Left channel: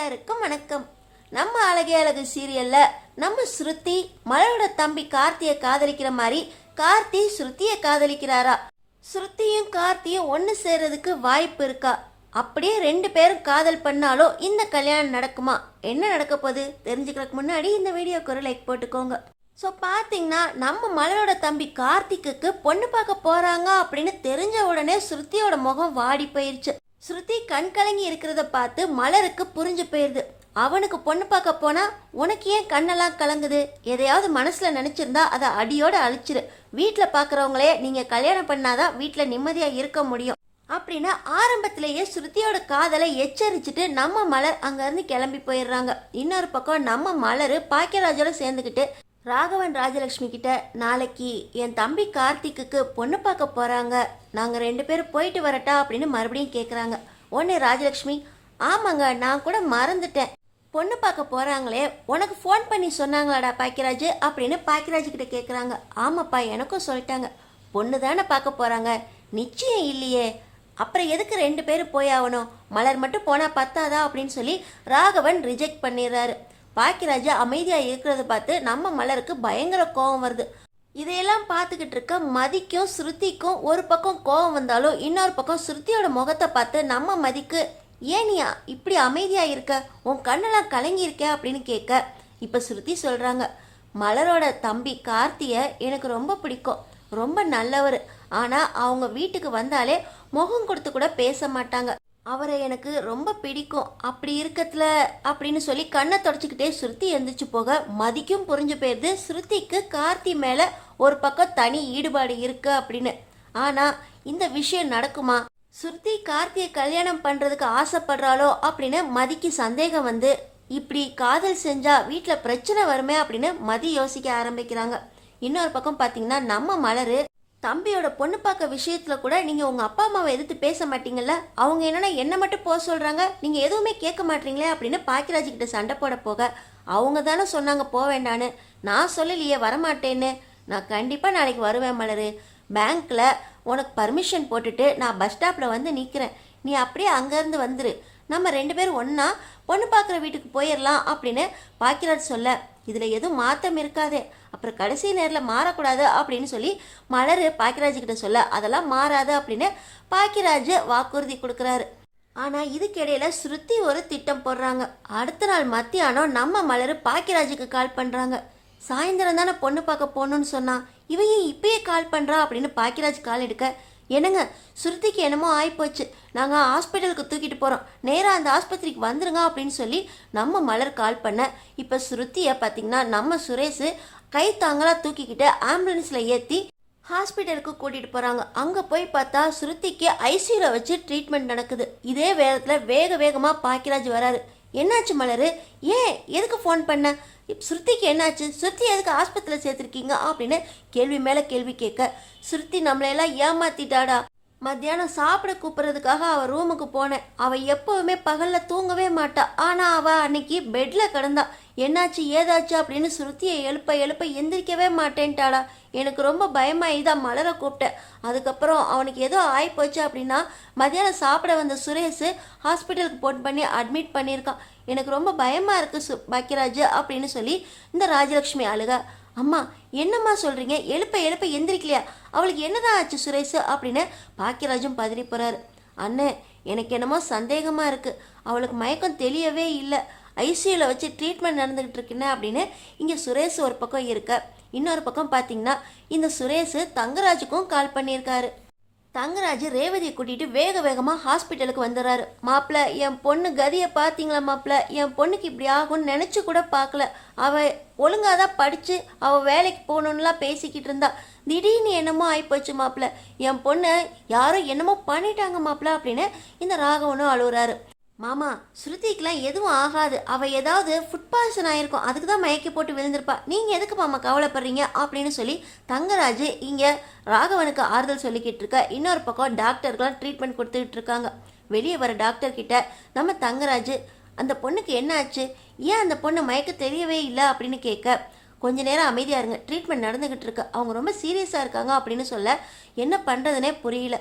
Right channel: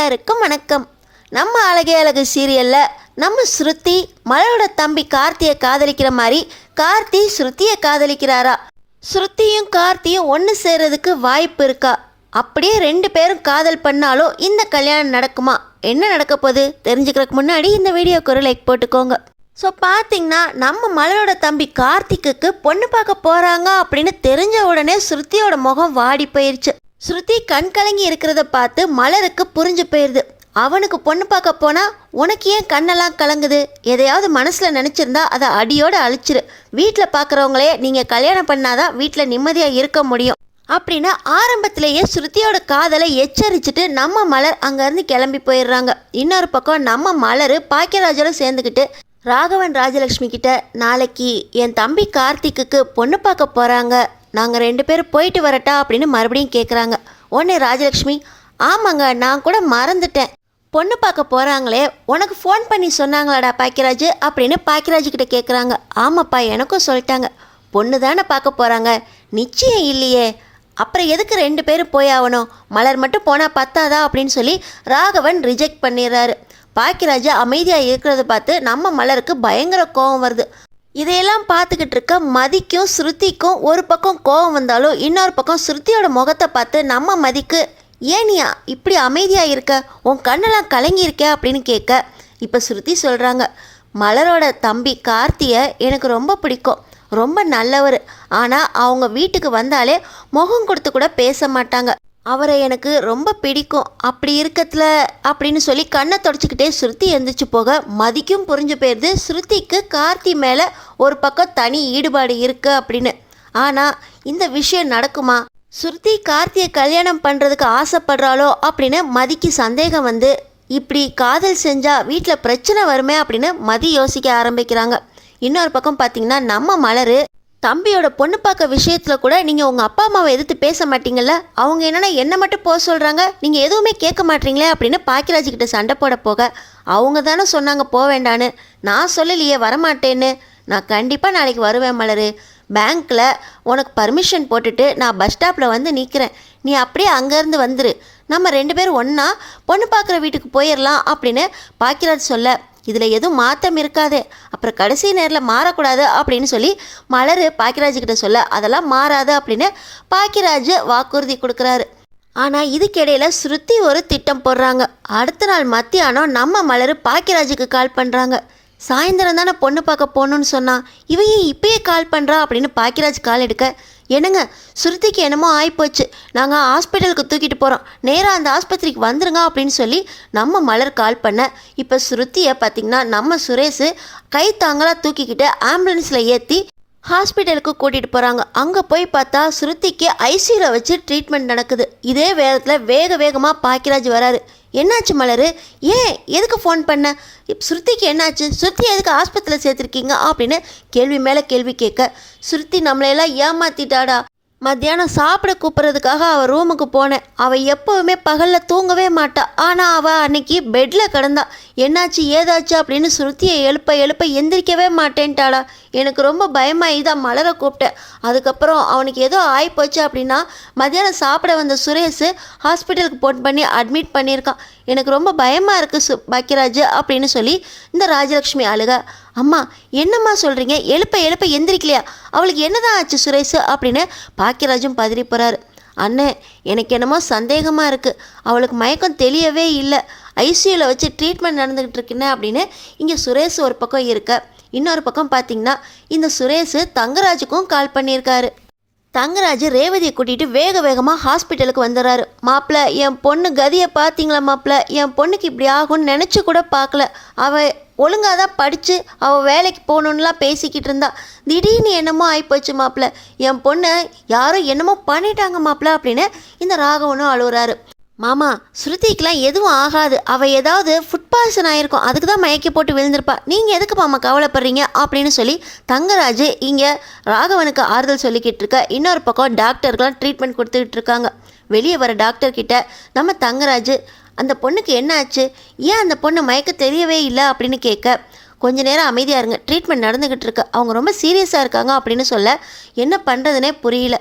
எல்லாருக்கும் வணக்கம். நம்ம அழகே அழகு சீரியலில் நம்ம ஸ்ருதி மலரோட தம்பி கார்த்தியை காதலிக்கிற மாதிரி கார்த்தி ஸ்ருதியை காதலிக்கிறாரா? ஸ்ருதியும் கார்த்தியும் ஒன்று சேர்றதுக்கு வாய்ப்பு இருக்கா? அப்படியே ரெண்டு பேரும் காதல் பண்ணாலும் இந்த கல்யாணம் நடக்குமா? என்ன நடக்க போகுது தெரிஞ்சுக்கிறதுக்கு முன்னாடி இந்த வீடியோக்கு ஒரு லைக் போட்டுக்கோங்க. ஸோ பார்த்தீங்கன்னா நம்ம மலரோட தம்பி கார்த்திக்கு பொண்ணு பார்க்க போகிறாங்க அப்படின்னு தெரிஞ்ச உடனே ஸ்ருதியோட முகம் வாடி போயிடுச்சு. ஸ்ருதி கண் கலங்கி இருக்கிறத பார்த்து மலருக்கு புரிஞ்சு போயிடுது. அவனுக்கு பொண்ணு பார்க்க போனால் உனக்கு ஏன் கண்ணெல்லாம் கலங்குது? எதையாவது மனசில் நினச்சிருந்தா அதை அடியோடு அழிச்சிரு. வீட்டில் பார்க்குறவங்களே நீங்கள் கல்யாணம் பண்ணாதான் வீட்டில் நிம்மதியாக இருக்க முடியும் அப்படின்னு ஆரம்பத்திலேயே ஸ்ருதியோட காதலை எச்சரிச்சுட்டு நம்ம மலர் அங்கேருந்து கிளம்பி போயிடுறாங்க. இன்னொரு பக்கம் நம்ம மலர் பாக்கியராஜோட சேர்ந்துக்கிட்டு ராகவன் ராஜலக்ஷ்மி கிட்ட நாளைக்கு என் தம்பி கார்த்திக்கு பொண்ணு பார்க்க போகிறாங்க, நாங்கள் ரெண்டு பேரும் போயிட்டு வரட்டா அப்படின்னு மறுபடியும் கேட்குறாங்க. உடனே ராஜலக்ஷ்மி, ஆமாங்க நான் கூட மறந்துட்டேன், பொண்ணு பார்க்க போகிறாங்களே உனக்கு ஃபோன் பண்ணி சொன்னாங்களாடா பாக்கியராஜ் அப்படின்னு பாக்கியராஜ் கிட்ட கேட்குறாங்க. ஆமாப்பா எனக்கும் சொல்லிட்டாங்க, பொண்ணு தானே பார்க்க போகிறாங்க, நிச்சயம் இல்லையே, அப்புறம் எதுக்கு ரெண்டு பேரும் போய் ஆகணும், மலர் மட்டும் போனால் பத்தாதா அப்படின்னு சொல்லி ராகவன் ரிஜெக்ட் பண்ணிடுறாரு. பாக்கியராஜ் அமைதியாக இருக்கிறத பார்த்து நம்ம மலருக்கு பயங்கர கோபம் வருது. இதையெல்லாம் பார்த்துக்கிட்டு இருக்க மதிக்கும் ஸ்ருதிக்கும் ஒரு பக்கம் கோபம் வந்தாலும் இன்னொரு பக்கம் ஸ்ருதியோட முகத்தை பார்த்து நம்ம மதிக்கு, ஏனியா இப்படி அமைதியாக இருக்க, உன் கண்ணெல்லாம் கலங்கியிருக்க அப்படின்னு கேட்க இப்போ ஸ்ருதி சொல்கிறாங்க, மலரோட தம்பி கார்த்தியை எனக்கு ரொம்ப பிடிக்கும், ரொம்ப நல்லவர், ஆனால் அவங்க வீட்டுக்கு வந்தாலே முகம் கொடுத்து கூட பேச மாட்டாங்க, அவரை எனக்கு ரொம்ப பிடிக்கும், அப்படி இருக்கத்துல அப்படின்னு சொல்லி கண்ணை தொடச்சிக்கிட்டே ஸ்ருதி எழுந்திரிச்சு போக மதிக்கும் புரிஞ்சு போயிடுது ஸ்ருதிக்கு கார்த்தி மேலே ஒரு பக்கம் தனி ஈடுபாடு இருக்குது அப்படின்னு. ஆனால் இந்த விஷயம் நடக்குமா? ஸ்ருதி கார்த்தியை கல்யாணம் பண்ணுறதுக்கு ஆசைப்படுறாளோ அப்படின்னு மதிக்கு சந்தேகம் வந்து இப்படி காதல் செஞ்சால் வீட்டில் பிரச்சனை வருமே அப்படின்னு மதி யோசிக்க ஆரம்பிக்கிறாங்க. இன்னொரு பக்கம் பார்த்தீங்கன்னா நம்ம மலர் தம்பியோட பொண்ணு பார்க்க விஷயத்தில் கூட நீங்கள் உங்கள் அப்பா அம்மாவை எதிர்த்து பேச மாட்டீங்கள்ல, அவங்க என்னென்னா என்ன மட்டும் போக சொல்கிறாங்க, நீங்கள் எதுவுமே கேட்க மாட்டீங்களே அப்படின்னு பாக்கியராஜ்கிட்ட சண்டை போட போக அவங்க தானே சொன்னாங்க போக வேண்டான்னு, நான் சொல்லலையே வரமாட்டேன்னு, நான் கண்டிப்பாக நாளைக்கு வருவேன் மலர், பேங்க்கில் உனக்கு பர்மிஷன் போட்டுட்டு நான் பஸ் ஸ்டாப்பில் வந்து நிற்கிறேன், நீ அப்படியே அங்கேருந்து வந்துரு, நம்ம ரெண்டு பேரும் ஒன்றா பொண்ணு பார்க்குற வீட்டுக்கு போயிடலாம் அப்படின்னு பாக்கியராஜ் சொல்ல, இதில் எதுவும் மாற்றம் இருக்காது, அப்புறம் கடைசி நேரில் மாறக்கூடாது அப்படின்னு சொல்லி மலர் பாக்கியராஜ்கிட்ட சொல்ல, அதெல்லாம் மாறாது அப்படின்னு பாக்கியராஜ் வாக்குறுதி கொடுக்குறாரு. ஆனால் இதுக்கிடையில் ஸ்ருதி ஒரு திட்டம் போடுறாங்க. அடுத்த நாள் மத்தியானம் நம்ம மலர் பாக்கியராஜுக்கு கால் பண்ணுறாங்க. சாயந்தரம் தானே பொண்ணு பார்க்க போகணுன்னு சொன்னான், இவையே இப்பயே கால் பண்ணுறா அப்படின்னு பாக்கியராஜ் கால் எடுக்க, என்னங்க ஸ்ருதிக்கு என்னமோ ஆகிப்போச்சு, நாங்கள் ஹாஸ்பிட்டலுக்கு தூக்கிட்டு போகிறோம், நேராக அந்த ஆஸ்பத்திரிக்கு வந்துருங்க அப்படின்னு சொல்லி நம்ம மலர் கால் பண்ண, இப்போ ஸ்ருதியை பார்த்திங்கன்னா நம்ம சுரேஷ் கை தாங்களாக தூக்கிக்கிட்டு ஆம்புலன்ஸில் ஏற்றி ஹாஸ்பிட்டலுக்கு கூட்டிகிட்டு போகிறாங்க. அங்கே போய் பார்த்தா ஸ்ருதிக்கு ஐசியூவில் வச்சு ட்ரீட்மெண்ட் நடக்குது. இதே வேகத்தில் வேகமாக பாக்கியராஜ் வராரு. என்னாச்சு மலர், ஏன் எதுக்கு ஃபோன் பண்ண, ஸ்ருதிக்கு என்னாச்சு, ஸ்ருதி எதுக்கு ஆஸ்பத்திரியில் சேர்த்துருக்கீங்க அப்படின்னு கேள்வி மேலே கேள்வி கேட்க, ஸ்ருதி நம்மளையெல்லாம் ஏமாத்திட்டாடா, மத்தியானம் சாப்பிட கூப்பிட்றதுக்காக அவள் ரூமுக்கு போனேன், அவள் எப்போவுமே பகலில் தூங்கவே மாட்டா, ஆனால் அவள் அன்னைக்கு பெட்டில் கிடந்தா, என்னாச்சு ஏதாச்சு அப்படின்னு ஸ்ருதியை எழுப்ப எந்திரிக்கவே மாட்டேன்ட்டாளா, எனக்கு ரொம்ப பயமாகி தான் மலரை கூப்பிட்டேன், அதுக்கப்புறம் அவனுக்கு ஏதோ ஆகிப்போச்சு அப்படின்னா மத்தியானம் சாப்பிட வந்த சுரேஷ் ஹாஸ்பிட்டலுக்கு ஃபோன் பண்ணி அட்மிட் பண்ணியிருக்கான், எனக்கு ரொம்ப பயமாக இருக்குது பாக்கியராஜ் அப்படின்னு சொல்லி இந்த ராஜலக்ஷ்மி அழுக, அம்மா என்னம்மா சொல்கிறீங்க, எழுப்ப எந்திரிக்கலையா, அவளுக்கு என்னதான் ஆச்சு சுரேஷ் அப்படின்னு பாக்கியராஜும் பதறி போகிறாரு. அண்ணே எனக்கு என்னமோ சந்தேகமாக இருக்குது, அவளுக்கு மயக்கம் தெரியவே இல்லை, ஐசியூவில் வச்சு ட்ரீட்மெண்ட் நடந்துக்கிட்டு இருக்குன்னு அப்படின்னு இங்கே சுரேஷ் ஒரு பக்கம் இருக்க, இன்னொரு பக்கம் பார்த்திங்கன்னா இந்த சுரேஷ் தங்கராஜுக்கும் கால் பண்ணியிருக்காரு. தங்கராஜ் ரேவதியை கூட்டிகிட்டு வேகமாக ஹாஸ்பிட்டலுக்கு வந்துடுறாரு. மாப்பிள்ளை என் பொண்ணு கதியை பார்த்தீங்களா மாப்பிள்ளை, என் பொண்ணுக்கு இப்படி ஆகும்னு நினச்சி கூட பார்க்கல, அவள் ஒழுங்காக தான் படித்து அவள் வேலைக்கு போகணுன்னுலாம் பேசிக்கிட்டு இருந்தா, திடீர்னு என்னமோ ஆகிப்போச்சு மாப்பிள்ளை, என் பொண்ணை யாரோ என்னமோ பண்ணிட்டாங்க மாப்பிள்ளை அப்படின்னு இந்த ராகவனும் அழுகுறாரு. மாமா ஸ்ருதிக்கெலாம் எதுவும் ஆகாது, அவள் ஏதாவது ஃபுட் பாய்சன் ஆகிருக்கும், அதுக்கு தான் மயக்கி போட்டு விழுந்திருப்பா, நீங்கள் எதுக்கு மாமா கவலைப்படுறீங்க அப்படின்னு சொல்லி தங்கராஜ் இங்கே ராகவனுக்கு ஆறுதல் சொல்லிக்கிட்டு இருக்க, இன்னொரு பக்கம் டாக்டர்கள்லாம் ட்ரீட்மெண்ட் கொடுத்துக்கிட்டு இருக்காங்க. வெளியே வர டாக்டர்கிட்ட நம்ம தங்கராஜ் அந்த பொண்ணுக்கு என்ன ஆச்சு, ஏன் அந்த பொண்ணு மயக்க தெரியவே இல்லை அப்படின்னு கேட்க, கொஞ்ச நேரம் அமைதியாக இருங்க, ட்ரீட்மெண்ட் நடந்துக்கிட்டு இருக்கு, அவங்க ரொம்ப சீரியஸாக இருக்காங்க அப்படின்னு சொல்ல என்ன பண்ணுறதுனே புரியல.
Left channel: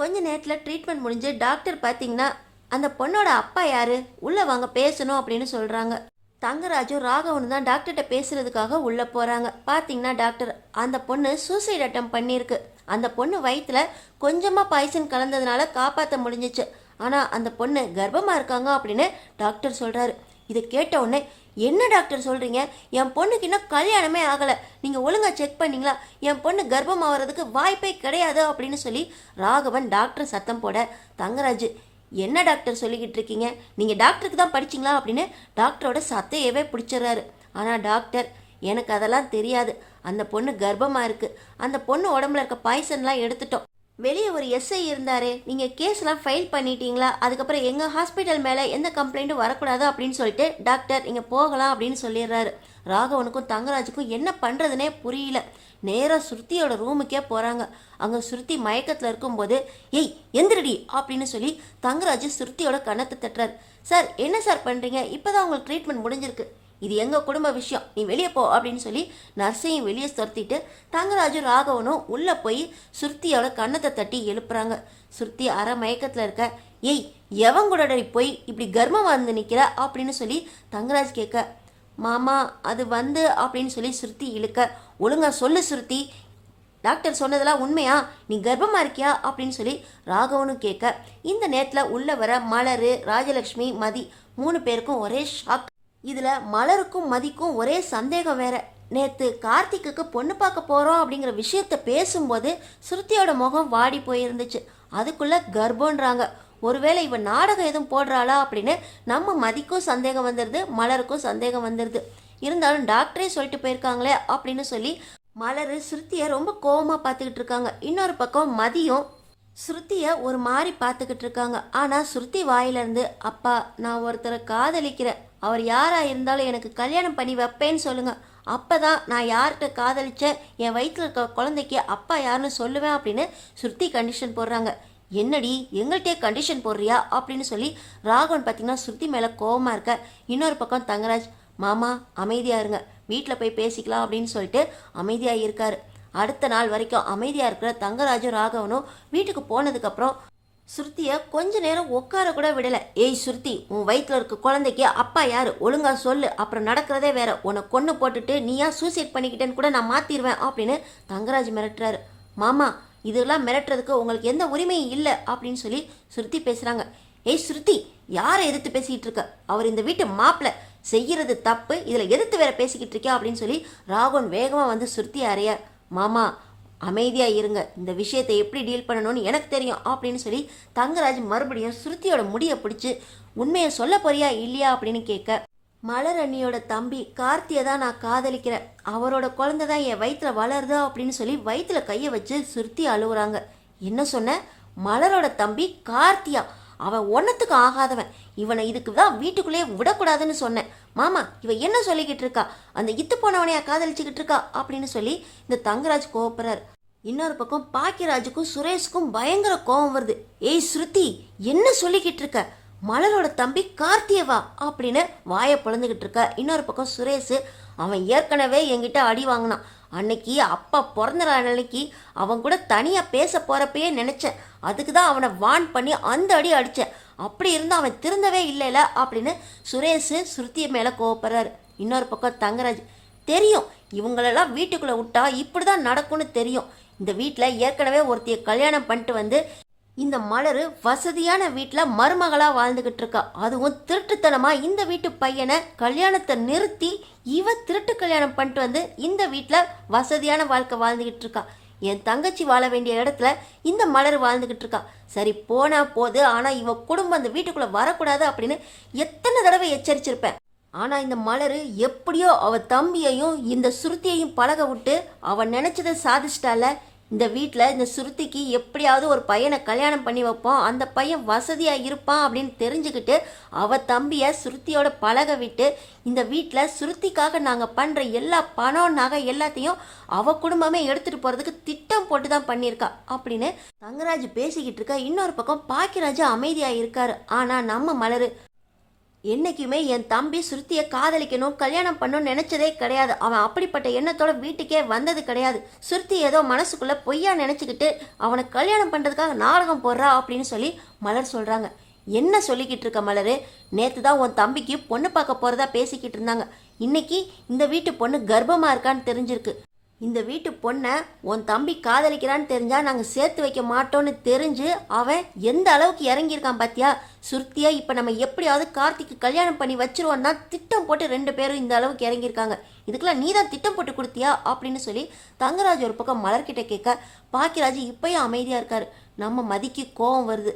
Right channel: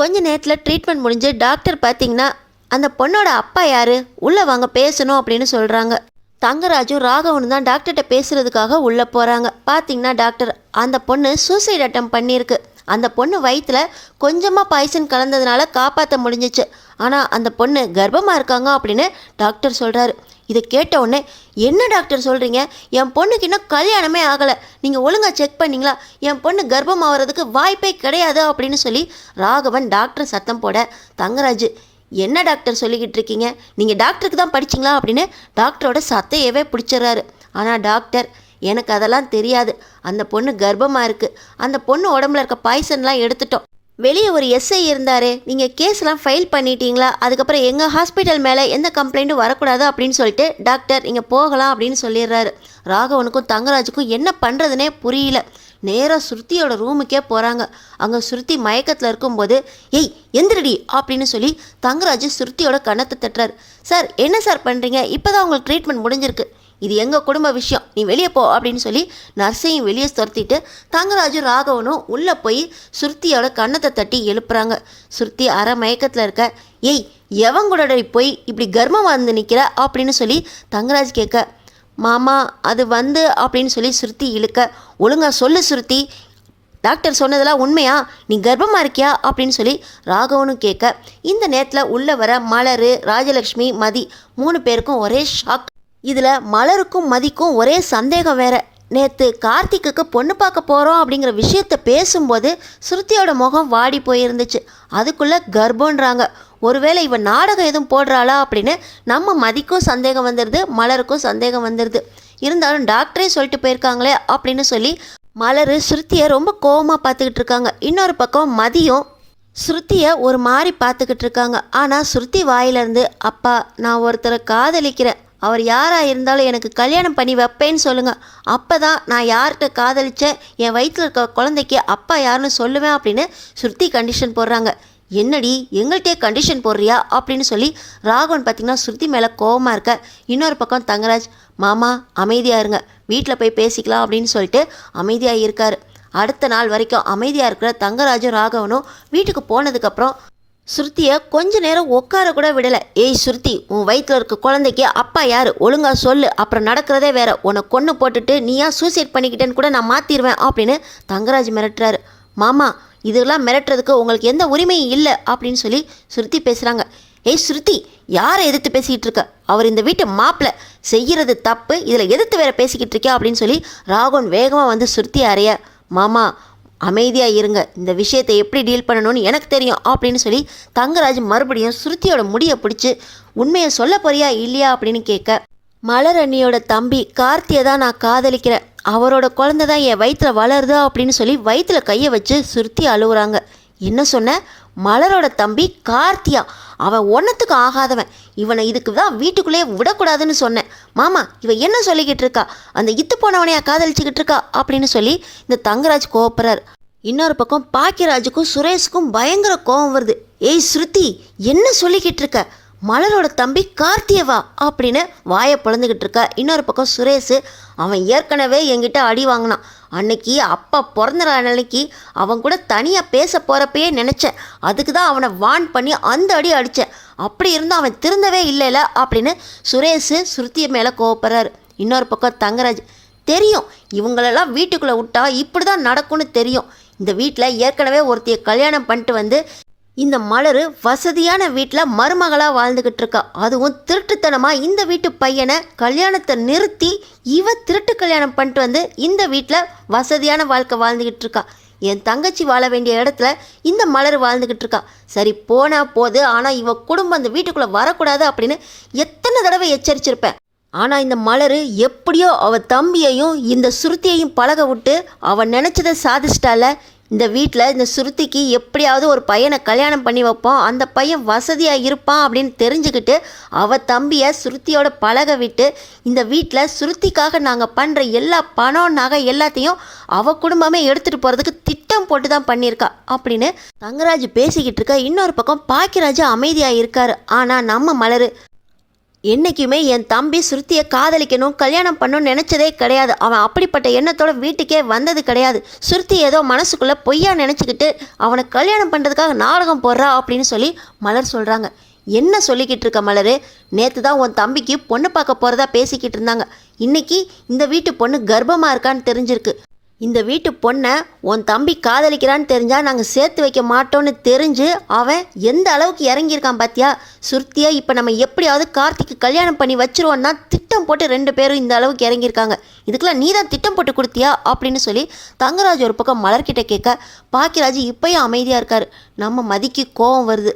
கொஞ்ச நேரத்தில் ட்ரீட்மெண்ட் முடிஞ்சு டாக்டர் பார்த்திங்கன்னா அந்த பொண்ணோட அப்பா யாரு, உள்ளே வாங்க பேசணும் அப்படின்னு சொல்கிறாங்க. தங்கராஜும் ராகவனும் தான் டாக்டர்கிட்ட பேசுகிறதுக்காக உள்ளே போகிறாங்க. பார்த்தீங்கன்னா டாக்டர், அந்த பொண்ணு சூசைட் அட்டம் பண்ணியிருக்கு. அந்த பொண்ணு வயிற்றில் கொஞ்சமாக பாய்சன் கலந்ததுனால காப்பாற்ற முடிஞ்சிச்சு. ஆனால் அந்த பொண்ணு கர்ப்பமாக இருக்காங்க அப்படின்னு டாக்டர் சொல்கிறாரு. இதை கேட்ட உடனே, என்ன டாக்டர் சொல்கிறீங்க, என் பொண்ணுக்கு இன்னும் கல்யாணமே ஆகலை, நீங்கள் ஒழுங்காக செக் பண்ணிங்களா, என் பொண்ணு கர்ப்பம் ஆகிறதுக்கு வாய்ப்பே கிடையாது அப்படின்னு சொல்லி ராகவன் டாக்டர் சத்தம் போட, தங்கராஜ், என்ன டாக்டர் சொல்லிக்கிட்டு இருக்கீங்க, நீங்கள் டாக்டருக்கு தான் படிச்சிங்களா அப்படின்னு டாக்டரோட சத்தையவே பிடிச்சிட்றாரு. ஆனால் டாக்டர், எனக்கு அதெல்லாம் தெரியாது, அந்த பொண்ணு கர்ப்பமாக இருக்குது, அந்த பொண்ணு உடம்புல இருக்க பாய்சன்லாம் எடுத்துட்டோம், வெளியே ஒரு எஸ்ஐ இருந்தார், நீங்கள் கேஸ்லாம் ஃபைல் பண்ணிட்டீங்களா, அதுக்கப்புறம் எங்கள் ஹாஸ்பிட்டல் மேலே எந்த கம்ப்ளைண்ட்டும் வரக்கூடாது அப்படின்னு சொல்லிட்டு டாக்டர் நீங்கள் போகலாம் அப்படின்னு சொல்லிடுறாரு. ராகவனுக்கும் தங்கராஜுக்கும் என்ன பண்ணுறதுனே புரியல. நேராக ஸ்ருதியோட ரூமுக்கே போகிறாங்க. அங்கே ஸ்ருதி மயக்கத்தில் இருக்கும்போது, ஏய் எந்திரடி அப்படின்னு சொல்லி தங்கராஜ் ஸ்ருதியோட கன்னத்தை தட்டுறாரு. சார் என்ன சார் பண்ணுறீங்க, இப்போ தான் உங்களுக்கு ட்ரீட்மெண்ட் முடிஞ்சிருக்கு, இது எங்கள் குடும்ப விஷயம், நீ வெளியே போ அப்படின்னு சொல்லி நர்ஸையும் வெளியே துரத்திட்டு தங்கராஜும் ராகவனும் உள்ளே போய் ஸ்ருதியோட கன்னத்தை தட்டி எழுப்புறாங்க. ஸ்ருதி அரை மயக்கத்தில் இருக்க, ஏய் எவங்கூட போய் இப்படி கர்ப்பமாக வந்து நிற்கிற அப்படின்னு சொல்லி தங்கராஜ் கேட்க, மாமா அது வந்து அப்படின்னு சொல்லி ஸ்ருதி இழுக்க, ஒழுங்காக சொல்லு ஸ்ருதி, டாக்டர் சொன்னதெல்லாம் உண்மையா, நீ கர்ப்பமாக இருக்கியா அப்படின்னு சொல்லி ராகவனும் கேட்க, இந்த நேரத்தில் உள்ளே வர மலர், ராஜலக்ஷ்மி, மதி 3 பேருக்கும் ஒரே ஷாக். இதில் மலருக்கும் மதிக்கும் ஒரே சந்தேகம் வேற. நேற்று கார்த்திக்கு பொண்ணு பார்க்க போகிறோம் அப்படிங்கிற விஷயத்த பேசும்போது ஸ்ருதியோட முகம் வாடி போயிருந்துச்சு. அதுக்குள்ளே கர்ப்பன்றாங்க. ஒருவேளை இவன் நாடகம் எதுவும் போடுறாளா அப்படின்னு நம்ம மதிக்கும் சந்தேகம் வந்துடுது, மலருக்கும் சந்தேகம் வந்துடுது. இருந்தாலும் டாக்டரே சொல்லிட்டு போயிருக்காங்களே அப்படின்னு சொல்லி மலர் ஸ்ருதியை ரொம்ப கோவமாக பார்த்துக்கிட்டு இருக்காங்க. இன்னொரு பக்கம் மதியும் ஸ்ருதியை ஒரு மாதிரி பார்த்துக்கிட்டு இருக்காங்க. ஆனால் ஸ்ருதி வாயிலேருந்து, அப்பா நான் ஒருத்தரை காதலிக்கிறேன், அவர் யாராக இருந்தாலும் எனக்கு கல்யாணம் பண்ணி வைப்பேன்னு சொல்லுங்கள், அப்போ தான் நான் யார்கிட்ட காதலித்தேன், என் வயிற்றில் இருக்க குழந்தைக்கு அப்பா யாருன்னு சொல்லுவேன் அப்படின்னு ஸ்ருதி கண்டிஷன் போடுறாங்க. என்னடி எங்கள்கிட்டே கண்டிஷன் போடுறியா அப்படின்னு சொல்லி ராகவன் பார்த்திங்கன்னா ஸ்ருதி மேலே கோவமாக இருக்க. இன்னொரு பக்கம் தங்கராஜ், மாமா அமைதியாக இருங்க, வீட்டில் போய் பேசிக்கலாம் அப்படின்னு சொல்லிட்டு அமைதியாக இருக்கார். அடுத்த நாள் வரைக்கும் அமைதியாக இருக்கிற தங்கராஜும் ராகவனும் வீட்டுக்கு போனதுக்கப்புறம் ஸ்ருதியை கொஞ்ச நேரம் உட்கார கூட விடலை. ஏய் ஸ்ருதி, உன் வயிற்றில் இருக்க குழந்தைக்கு அப்பா யார், ஒழுங்காக சொல்லு, அப்புறம் நடக்கிறதே வேற, உன்னை கொன்று போட்டுட்டு நீயா சூசைட் பண்ணிக்கிட்டேன்னு கூட நான் மாற்றிடுவேன் அப்படின்னு தங்கராஜ் மிரட்டுறாரு. மாமா இதெல்லாம் மிரட்டுறதுக்கு உங்களுக்கு எந்த உரிமையும் இல்லை அப்படின்னு சொல்லி ஸ்ருதி பேசுகிறாங்க. ஏய் ஸ்ருதி, யாரை எதிர்த்து பேசிக்கிட்டு இருக்க, அவர் இந்த வீட்டு மாப்பிள்ளை, செய்கிறது தப்பு, இதில் எதிர்த்து வேற பேசிக்கிட்டு இருக்கியா அப்படின்னு சொல்லி ராகவன் வேகமாக வந்து ஸ்ருதி அறைய, மாமா அமைதியாக இருங்க, இந்த விஷயத்தை எப்படி டீல் பண்ணணும்னு எனக்கு தெரியும் அப்படின்னு சொல்லி தங்கராஜ் மறுபடியும் ஸ்ருதியோட முடியை பிடிச்சி, உண்மையை சொல்ல போறியா இல்லையா அப்படின்னு கேட்க, மலர் அண்ணியோட தம்பி கார்த்தியை தான் நான் காதலிக்கிறேன், அவரோட குழந்தை தான் என் வயிற்றில் வளருதா அப்படின்னு சொல்லி வயிற்றில் கையை வச்சு ஸ்ருதி அழுகுறாங்க. என்ன சொன்ன, மலரோட தம்பி கார்த்தியா, அவன் ஒன்றத்துக்கு ஆகாதவன், இவனை இதுக்கு தான் வீட்டுக்குள்ளேயே விடக்கூடாதுன்னு சொன்னேன். மாமா இவன் என்ன சொல்லிக்கிட்டு இருக்கா, அந்த இத்து போனவனையா காதலிச்சுக்கிட்டு இருக்கா அப்படின்னு சொல்லி இந்த தங்கராஜ் கோவப்படுறார். இன்னொரு பக்கம் பாக்கியராஜுக்கும் சுரேஷுக்கும் பயங்கர கோவம் வருது. ஏய் ஸ்ருதி, என்ன சொல்லிக்கிட்டு இருக்க, மலரோட தம்பி கார்த்தியவா அப்படின்னு வாயை பிளந்துக்கிட்டு இருக்க. இன்னொரு பக்கம் சுரேஷ், அவன் ஏற்கனவே என்கிட்ட அடி வாங்கினான், அன்னைக்கு அப்பா பிறந்த அன்னைக்கு அவன் கூட தனியாக பேச போகிறப்பயே நினச்சேன், அதுக்கு தான் அவனை வான் பண்ணி அந்த அடி அடித்தேன், அப்படி இருந்தும் அவன் திருந்தவே இல்லைல்ல அப்படின்னு சுரேஷ் ஸ்ருதியை மேலே கோவப்படுறாரு. இன்னொரு பக்கம் தங்கராஜ், தெரியும் இவங்களெல்லாம் வீட்டுக்குள்ளே விட்டா இப்படி தான் நடக்கும்னு தெரியும், இந்த வீட்டில் ஏற்கனவே ஒருத்தைய கல்யாணம் பண்ணிட்டு வந்து இந்த மலர் வசதியான வீட்டில் மருமகளாக வாழ்ந்துக்கிட்டு இருக்கா, அதுவும் திருட்டுத்தனமாக இந்த வீட்டு பையனை கல்யாணத்தை நிறுத்தி இவ திருட்டு கல்யாணம் பண்ணிட்டு வந்து இந்த வீட்டில் வசதியான வாழ்க்கை வாழ்ந்துக்கிட்டு இருக்கா. என் தங்கச்சி வாழ வேண்டிய இடத்துல இந்த மலர் வாழ்ந்துக்கிட்டு இருக்கா. சரி போனால் போது, ஆனால் இவ குடும்பம் அந்த வீட்டுக்குள்ளே வரக்கூடாது அப்படின்னு எத்தனை தடவை எச்சரிச்சிருப்பேன். ஆனால் இந்த மலர் எப்படியோ அவள் தம்பியையும் இந்த சுருத்தியையும் பழக விட்டு அவன் நினச்சதை சாதிச்சிட்டால. இந்த வீட்டில் இந்த சுருத்திக்கு எப்படியாவது ஒரு பையனை கல்யாணம் பண்ணி வைப்போம், அந்த பையன் வசதியாக இருப்பான் அப்படின்னு தெரிஞ்சுக்கிட்டு அவள் தம்பியை சுருத்தியோட பழக விட்டு இந்த வீட்டில் சுருத்திக்காக நாங்கள் பண்ணுற எல்லா பணம் நகை எல்லாத்தையும் அவள் குடும்பமே எடுத்துகிட்டு போகிறதுக்கு திட்டம் போட்டு தான் பண்ணியிருக்கா அப்படின்னு தங்கராஜ் பேசிக்கிட்டு இருக்க. இன்னொரு பக்கம் பாக்கியராஜ் அமைதியாக இருக்கார். ஆனால் நம்ம மலர் என்றைக்குமே என் தம்பி சுருத்தியை காதலிக்கணும் கல்யாணம் பண்ணணும்னு நினச்சதே கிடையாது, அவன் அப்படிப்பட்ட எண்ணத்தோட வீட்டுக்கே வந்தது கிடையாது. சுருத்தி ஏதோ மனசுக்குள்ளே பொய்யா நினச்சிக்கிட்டு அவனை கல்யாணம் பண்ணுறதுக்காக நாடகம் போடுறா அப்படின்னு சொல்லி மலர் சொல்கிறாங்க. என்ன சொல்லிக்கிட்டு இருக்க மலரு? நேற்று தான் உன் தம்பிக்கு பொண்ணு பார்க்க போகிறதா பேசிக்கிட்டு இருந்தாங்க. இன்னைக்கு இந்த வீட்டு பொண்ணு கர்ப்பமாக இருக்கான்னு தெரிஞ்சிருக்கு. இந்த வீட்டு பொண்ணை உன் தம்பி காதலிக்கிறான்னு தெரிஞ்சால் நாங்கள் சேர்த்து வைக்க மாட்டோன்னு தெரிஞ்சு அவன் எந்த அளவுக்கு இறங்கியிருக்கான் பார்த்தியா? சுருத்தியை இப்போ நம்ம எப்படியாவது கார்த்திக்கு கல்யாணம் பண்ணி வச்சிருவோன்னா திட்டம் போட்டு 2 பேரும் இந்த அளவுக்கு இறங்கியிருக்காங்க. இதுக்கெல்லாம் நீ தான் திட்டம் போட்டு கொடுத்தியா அப்படின்னு சொல்லி தங்கராஜ் ஒரு பக்கம் மலர்கிட்ட கேட்க, பாக்கியராஜ் இப்போயும் அமைதியாக இருக்கார். நம்ம மதிக்கு கோபம் வருது.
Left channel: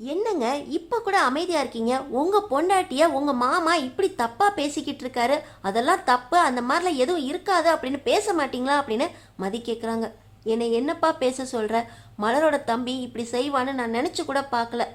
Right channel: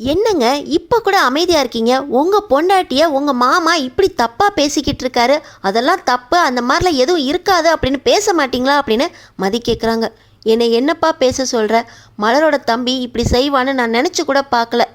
என்னங்க இப்போ கூட அமைதியாக இருக்கீங்க? உங்கள் பொண்டாட்டியை உங்கள் மாமா இப்படி தப்பாக பேசிக்கிட்டு இருக்காரு, அதெல்லாம் தப்பு, அந்த மாதிரிலாம் எதுவும் இருக்காது அப்படின்னு பேச மாட்டிங்களா அப்படின்னு மதி கேட்குறாங்க. என்னை என்னப்பா பேச சொல்கிற? மலரோட தம்பி இப்படி செய்வான்னு நான் நினச்சி கூட பார்க்கல.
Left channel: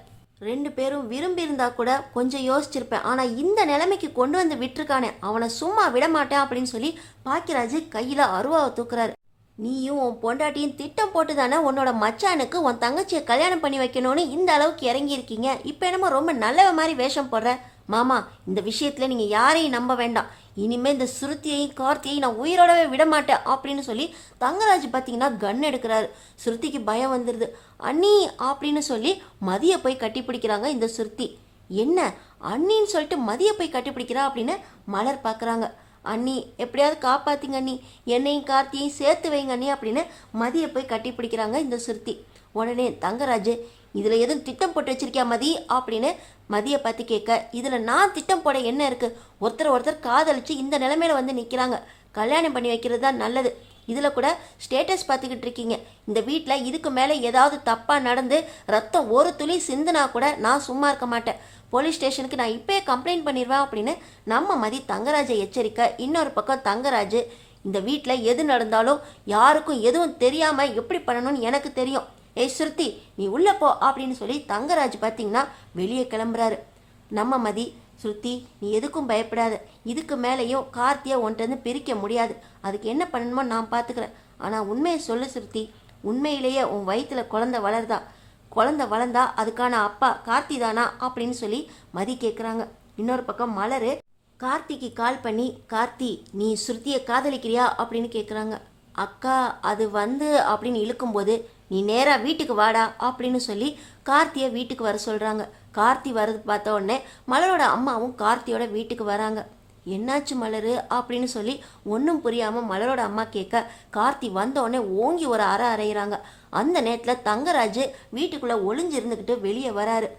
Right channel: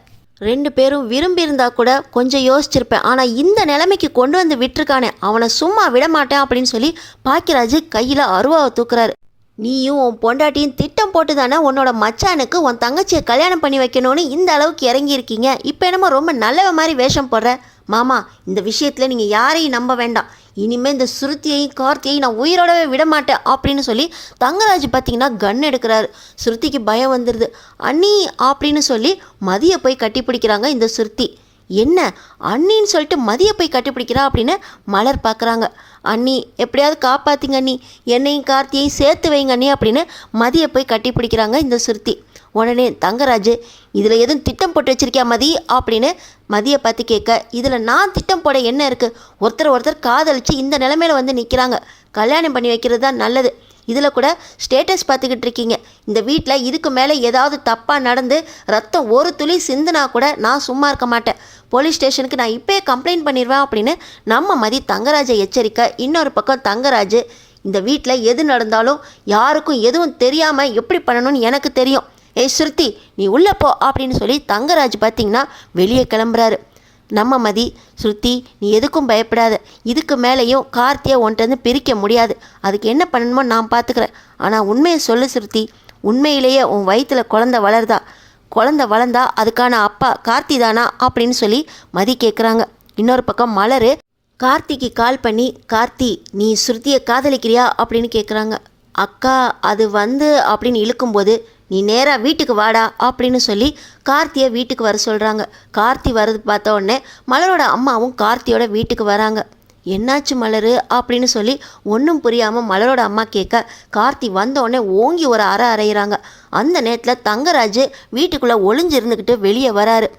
2 பேரும் விரும்பியிருந்தா கூட கொஞ்சம் யோசிச்சிருப்பேன். ஆனால் இந்த நிலைமைக்கு கொண்டு வந்து விட்டுருக்கானே, அவனை சும்மா விட மாட்டேன் அப்படின்னு சொல்லி பாக்கியராஜ் கையில் அருவாவை தூக்குறாரு. நீயும் உன் பொண்டாட்டியும் திட்டம் போட்டு தானே உன்னோட மச்சானுக்கு உன் தங்கச்சியை கல்யாணம் பண்ணி வைக்கணும்னு இந்த அளவுக்கு இறங்கியிருக்கீங்க. இப்போ என்னமோ ரொம்ப நல்லவ மாதிரி வேஷம் போடுற. மாமா, இந்த விஷயத்தில் நீங்கள் யாரையும் நம்ப வேண்டாம். இனிமேல் இந்த சுருத்தியையும் கார்த்தியையும் நான் உயிரோடவே விட மாட்டேன் அப்படின்னு சொல்லி தங்கராஜ் பார்த்தீங்கன்னா கன் எடுக்கிறாரு. சுருத்திக்கு பயம் வந்துடுது. அண்ணி அப்படின்னு சொல்லி மதியை போய் கட்டி பிடிக்கிறாங்க இந்த சுருத்தி. என்ன அண்ணின்னு சொல்லிட்டு மதியை போய் கட்டிப்பிடிக்கிறா அப்படின்னு மலர் பார்க்குறாங்க. அண்ணி எப்படியாவது காப்பாற்றுங்க அண்ணி, என்னையும் கார்த்தியையும் சேர்த்து வைங்க அண்ணி அப்படின்னு மதியை போய் கட்டி பிடிக்கிறாங்க இந்த சுருத்தி. உடனே தங்கராஜ், இதில் எதுவும் திட்டம் போட்டு வச்சிருக்கியா மதி அப்படின்னு மதியை பார்த்து கேட்க, இதில் நான் திட்டம் போட என்ன இருக்குது? ஒருத்தர் காதலிச்சு இந்த நிலைமையில வந்து நிற்கிறாங்க. கல்யாணம் பண்ணி வைக்கிறது தான் நல்லது. இதில் கூட ஸ்டேட்டஸ் பார்த்துக்கிட்டு இருக்கீங்க. இந்த வீட்டில் இதுக்கு மேலே ஏதாவது தப்பாக நடந்து ரத்தம் ஒரு துளி சிந்துனா கூட நான் சும்மா இருக்க மாட்டேன். போலீஸ் ஸ்டேஷனுக்கு நான் இப்போயே கம்ப்ளைண்ட் பண்ணிடுவேன் அப்படின்னு நம்ம மதி தங்கராஜை எச்சரிக்க, இன்னொரு பக்கம் தங்கராஜ், இந்த வீட்டில் எது நடந்தாலும் யாருக்கும் எதுவும் தெரியாமல் எப்படி பண்ணணும்னு எனக்கு தெரியும். ஏய் சுருத்தி, நீ உள்ளே போ அப்படின்னு சொல்லி தங்கராஜ் பார்த்திங்கன்னா வெளியே கிளம்புறாரு. நம்ம மதி, ஸ்ருதி நீ எதுக்கும் பயப்படாத, இதுக்கு மேலேயும் கார்த்தியை ஒன்றிருந்து பிரிக்க முடியாது. அதுக்கு என்ன பண்ணணுமோ நான் பார்த்துக்கிறேன். ஆனால் உண்மையை சொல்லு ஸ்ருதி, உண்மையிலேயே உன் வயிற்றில் குழந்தை வளர்ந்தா அதுக்கான அப்பா கார்த்தி தானா அப்படின்னு சொல்லி மதி கேட்குறாங்க. இன்னொரு பக்கம் மலர் கார்த்திக்கு கால் பண்ணி, கார்த்தி நீ ஸ்ருதியை காதலிக்கிறியா அப்படின்னு கேட்குறாங்க. அக்கா அது அப்படின்னு இழுக்கும்போது, நீ நேராக வீட்டுக்கு வாடா அப்படின்னு சொல்லி கார்த்தியை வீட்டுக்கு வர சொல்கிறாங்க. கார்த்தி வரது பார்த்த உடனே மலரோட அம்மாவும் கார்த்தியோட வீட்டுக்கு வராங்க. என்னாச்சு மலரு அப்படின்னு சொல்லி ஒன்றும் புரியாமல் மலரோட அம்மா கேட்க, கார்த்தி வந்தோடனே ஓங்கி ஒரு அறையிறாங்க. அந்த நேரத்தில் தங்கராஜ் வீட்டுக்குள்ளே ஒளிஞ்சிருந்துக்கிட்டு வெளியே வராரு.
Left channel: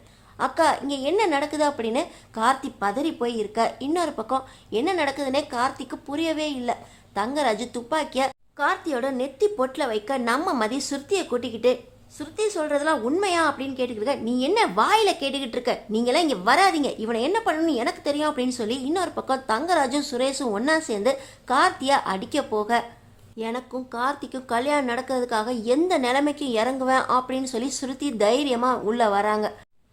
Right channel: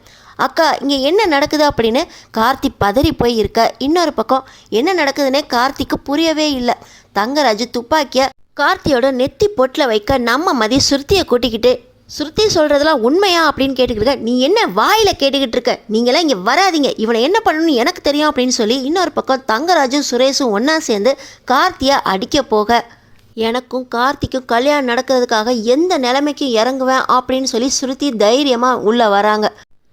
அக்கா இங்கே என்ன நடக்குது அப்படின்னு கார்த்தி பதறி போய் இருக்க, இன்னொரு பக்கம் என்ன நடக்குதுன்னே கார்த்திக்கு புரியவே இல்லை. தங்கராஜ் துப்பாக்கியை கார்த்தியோட நெத்தி பொட்டில் வைக்க நம்ம மதி சுருத்தியை கூட்டிக்கிட்டு, சுருத்தி சொல்கிறதெல்லாம் உண்மையா அப்படின்னு கேட்டுக்கிட்டு இருக்க, நீ என்ன வாயில் கேட்டுக்கிட்டு இருக்க, நீங்களாம் இங்கே வராதிங்க, இவனை என்ன பண்ணணும்னு எனக்கு தெரியும் அப்படின்னு சொல்லி இன்னொரு பக்கம் தங்கராஜும் சுரேஷும் ஒன்றா சேர்ந்து கார்த்தியை அடிக்க போக, எனக்கும் கார்த்திக்கும் கல்யாணம் நடக்கிறதுக்காக எந்த நிலைமைக்கும் இறங்குவேன் அப்படின்னு சொல்லி சுருத்தி தைரியமாக உள்ளே வராங்க.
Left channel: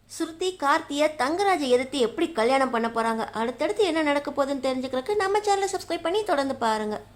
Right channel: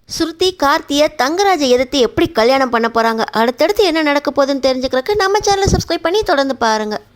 சுருத்தி கார்த்தியை தங்கராஜை எதிர்த்து எப்படி கல்யாணம் பண்ண போகிறாங்க, அடுத்தடுத்து என்ன நடக்க போகுதுன்னு தெரிஞ்சுக்கிறதுக்கு நம்ம சேனலை சப்ஸ்கிரைப் பண்ணி தொடர்ந்து பாருங்கள்.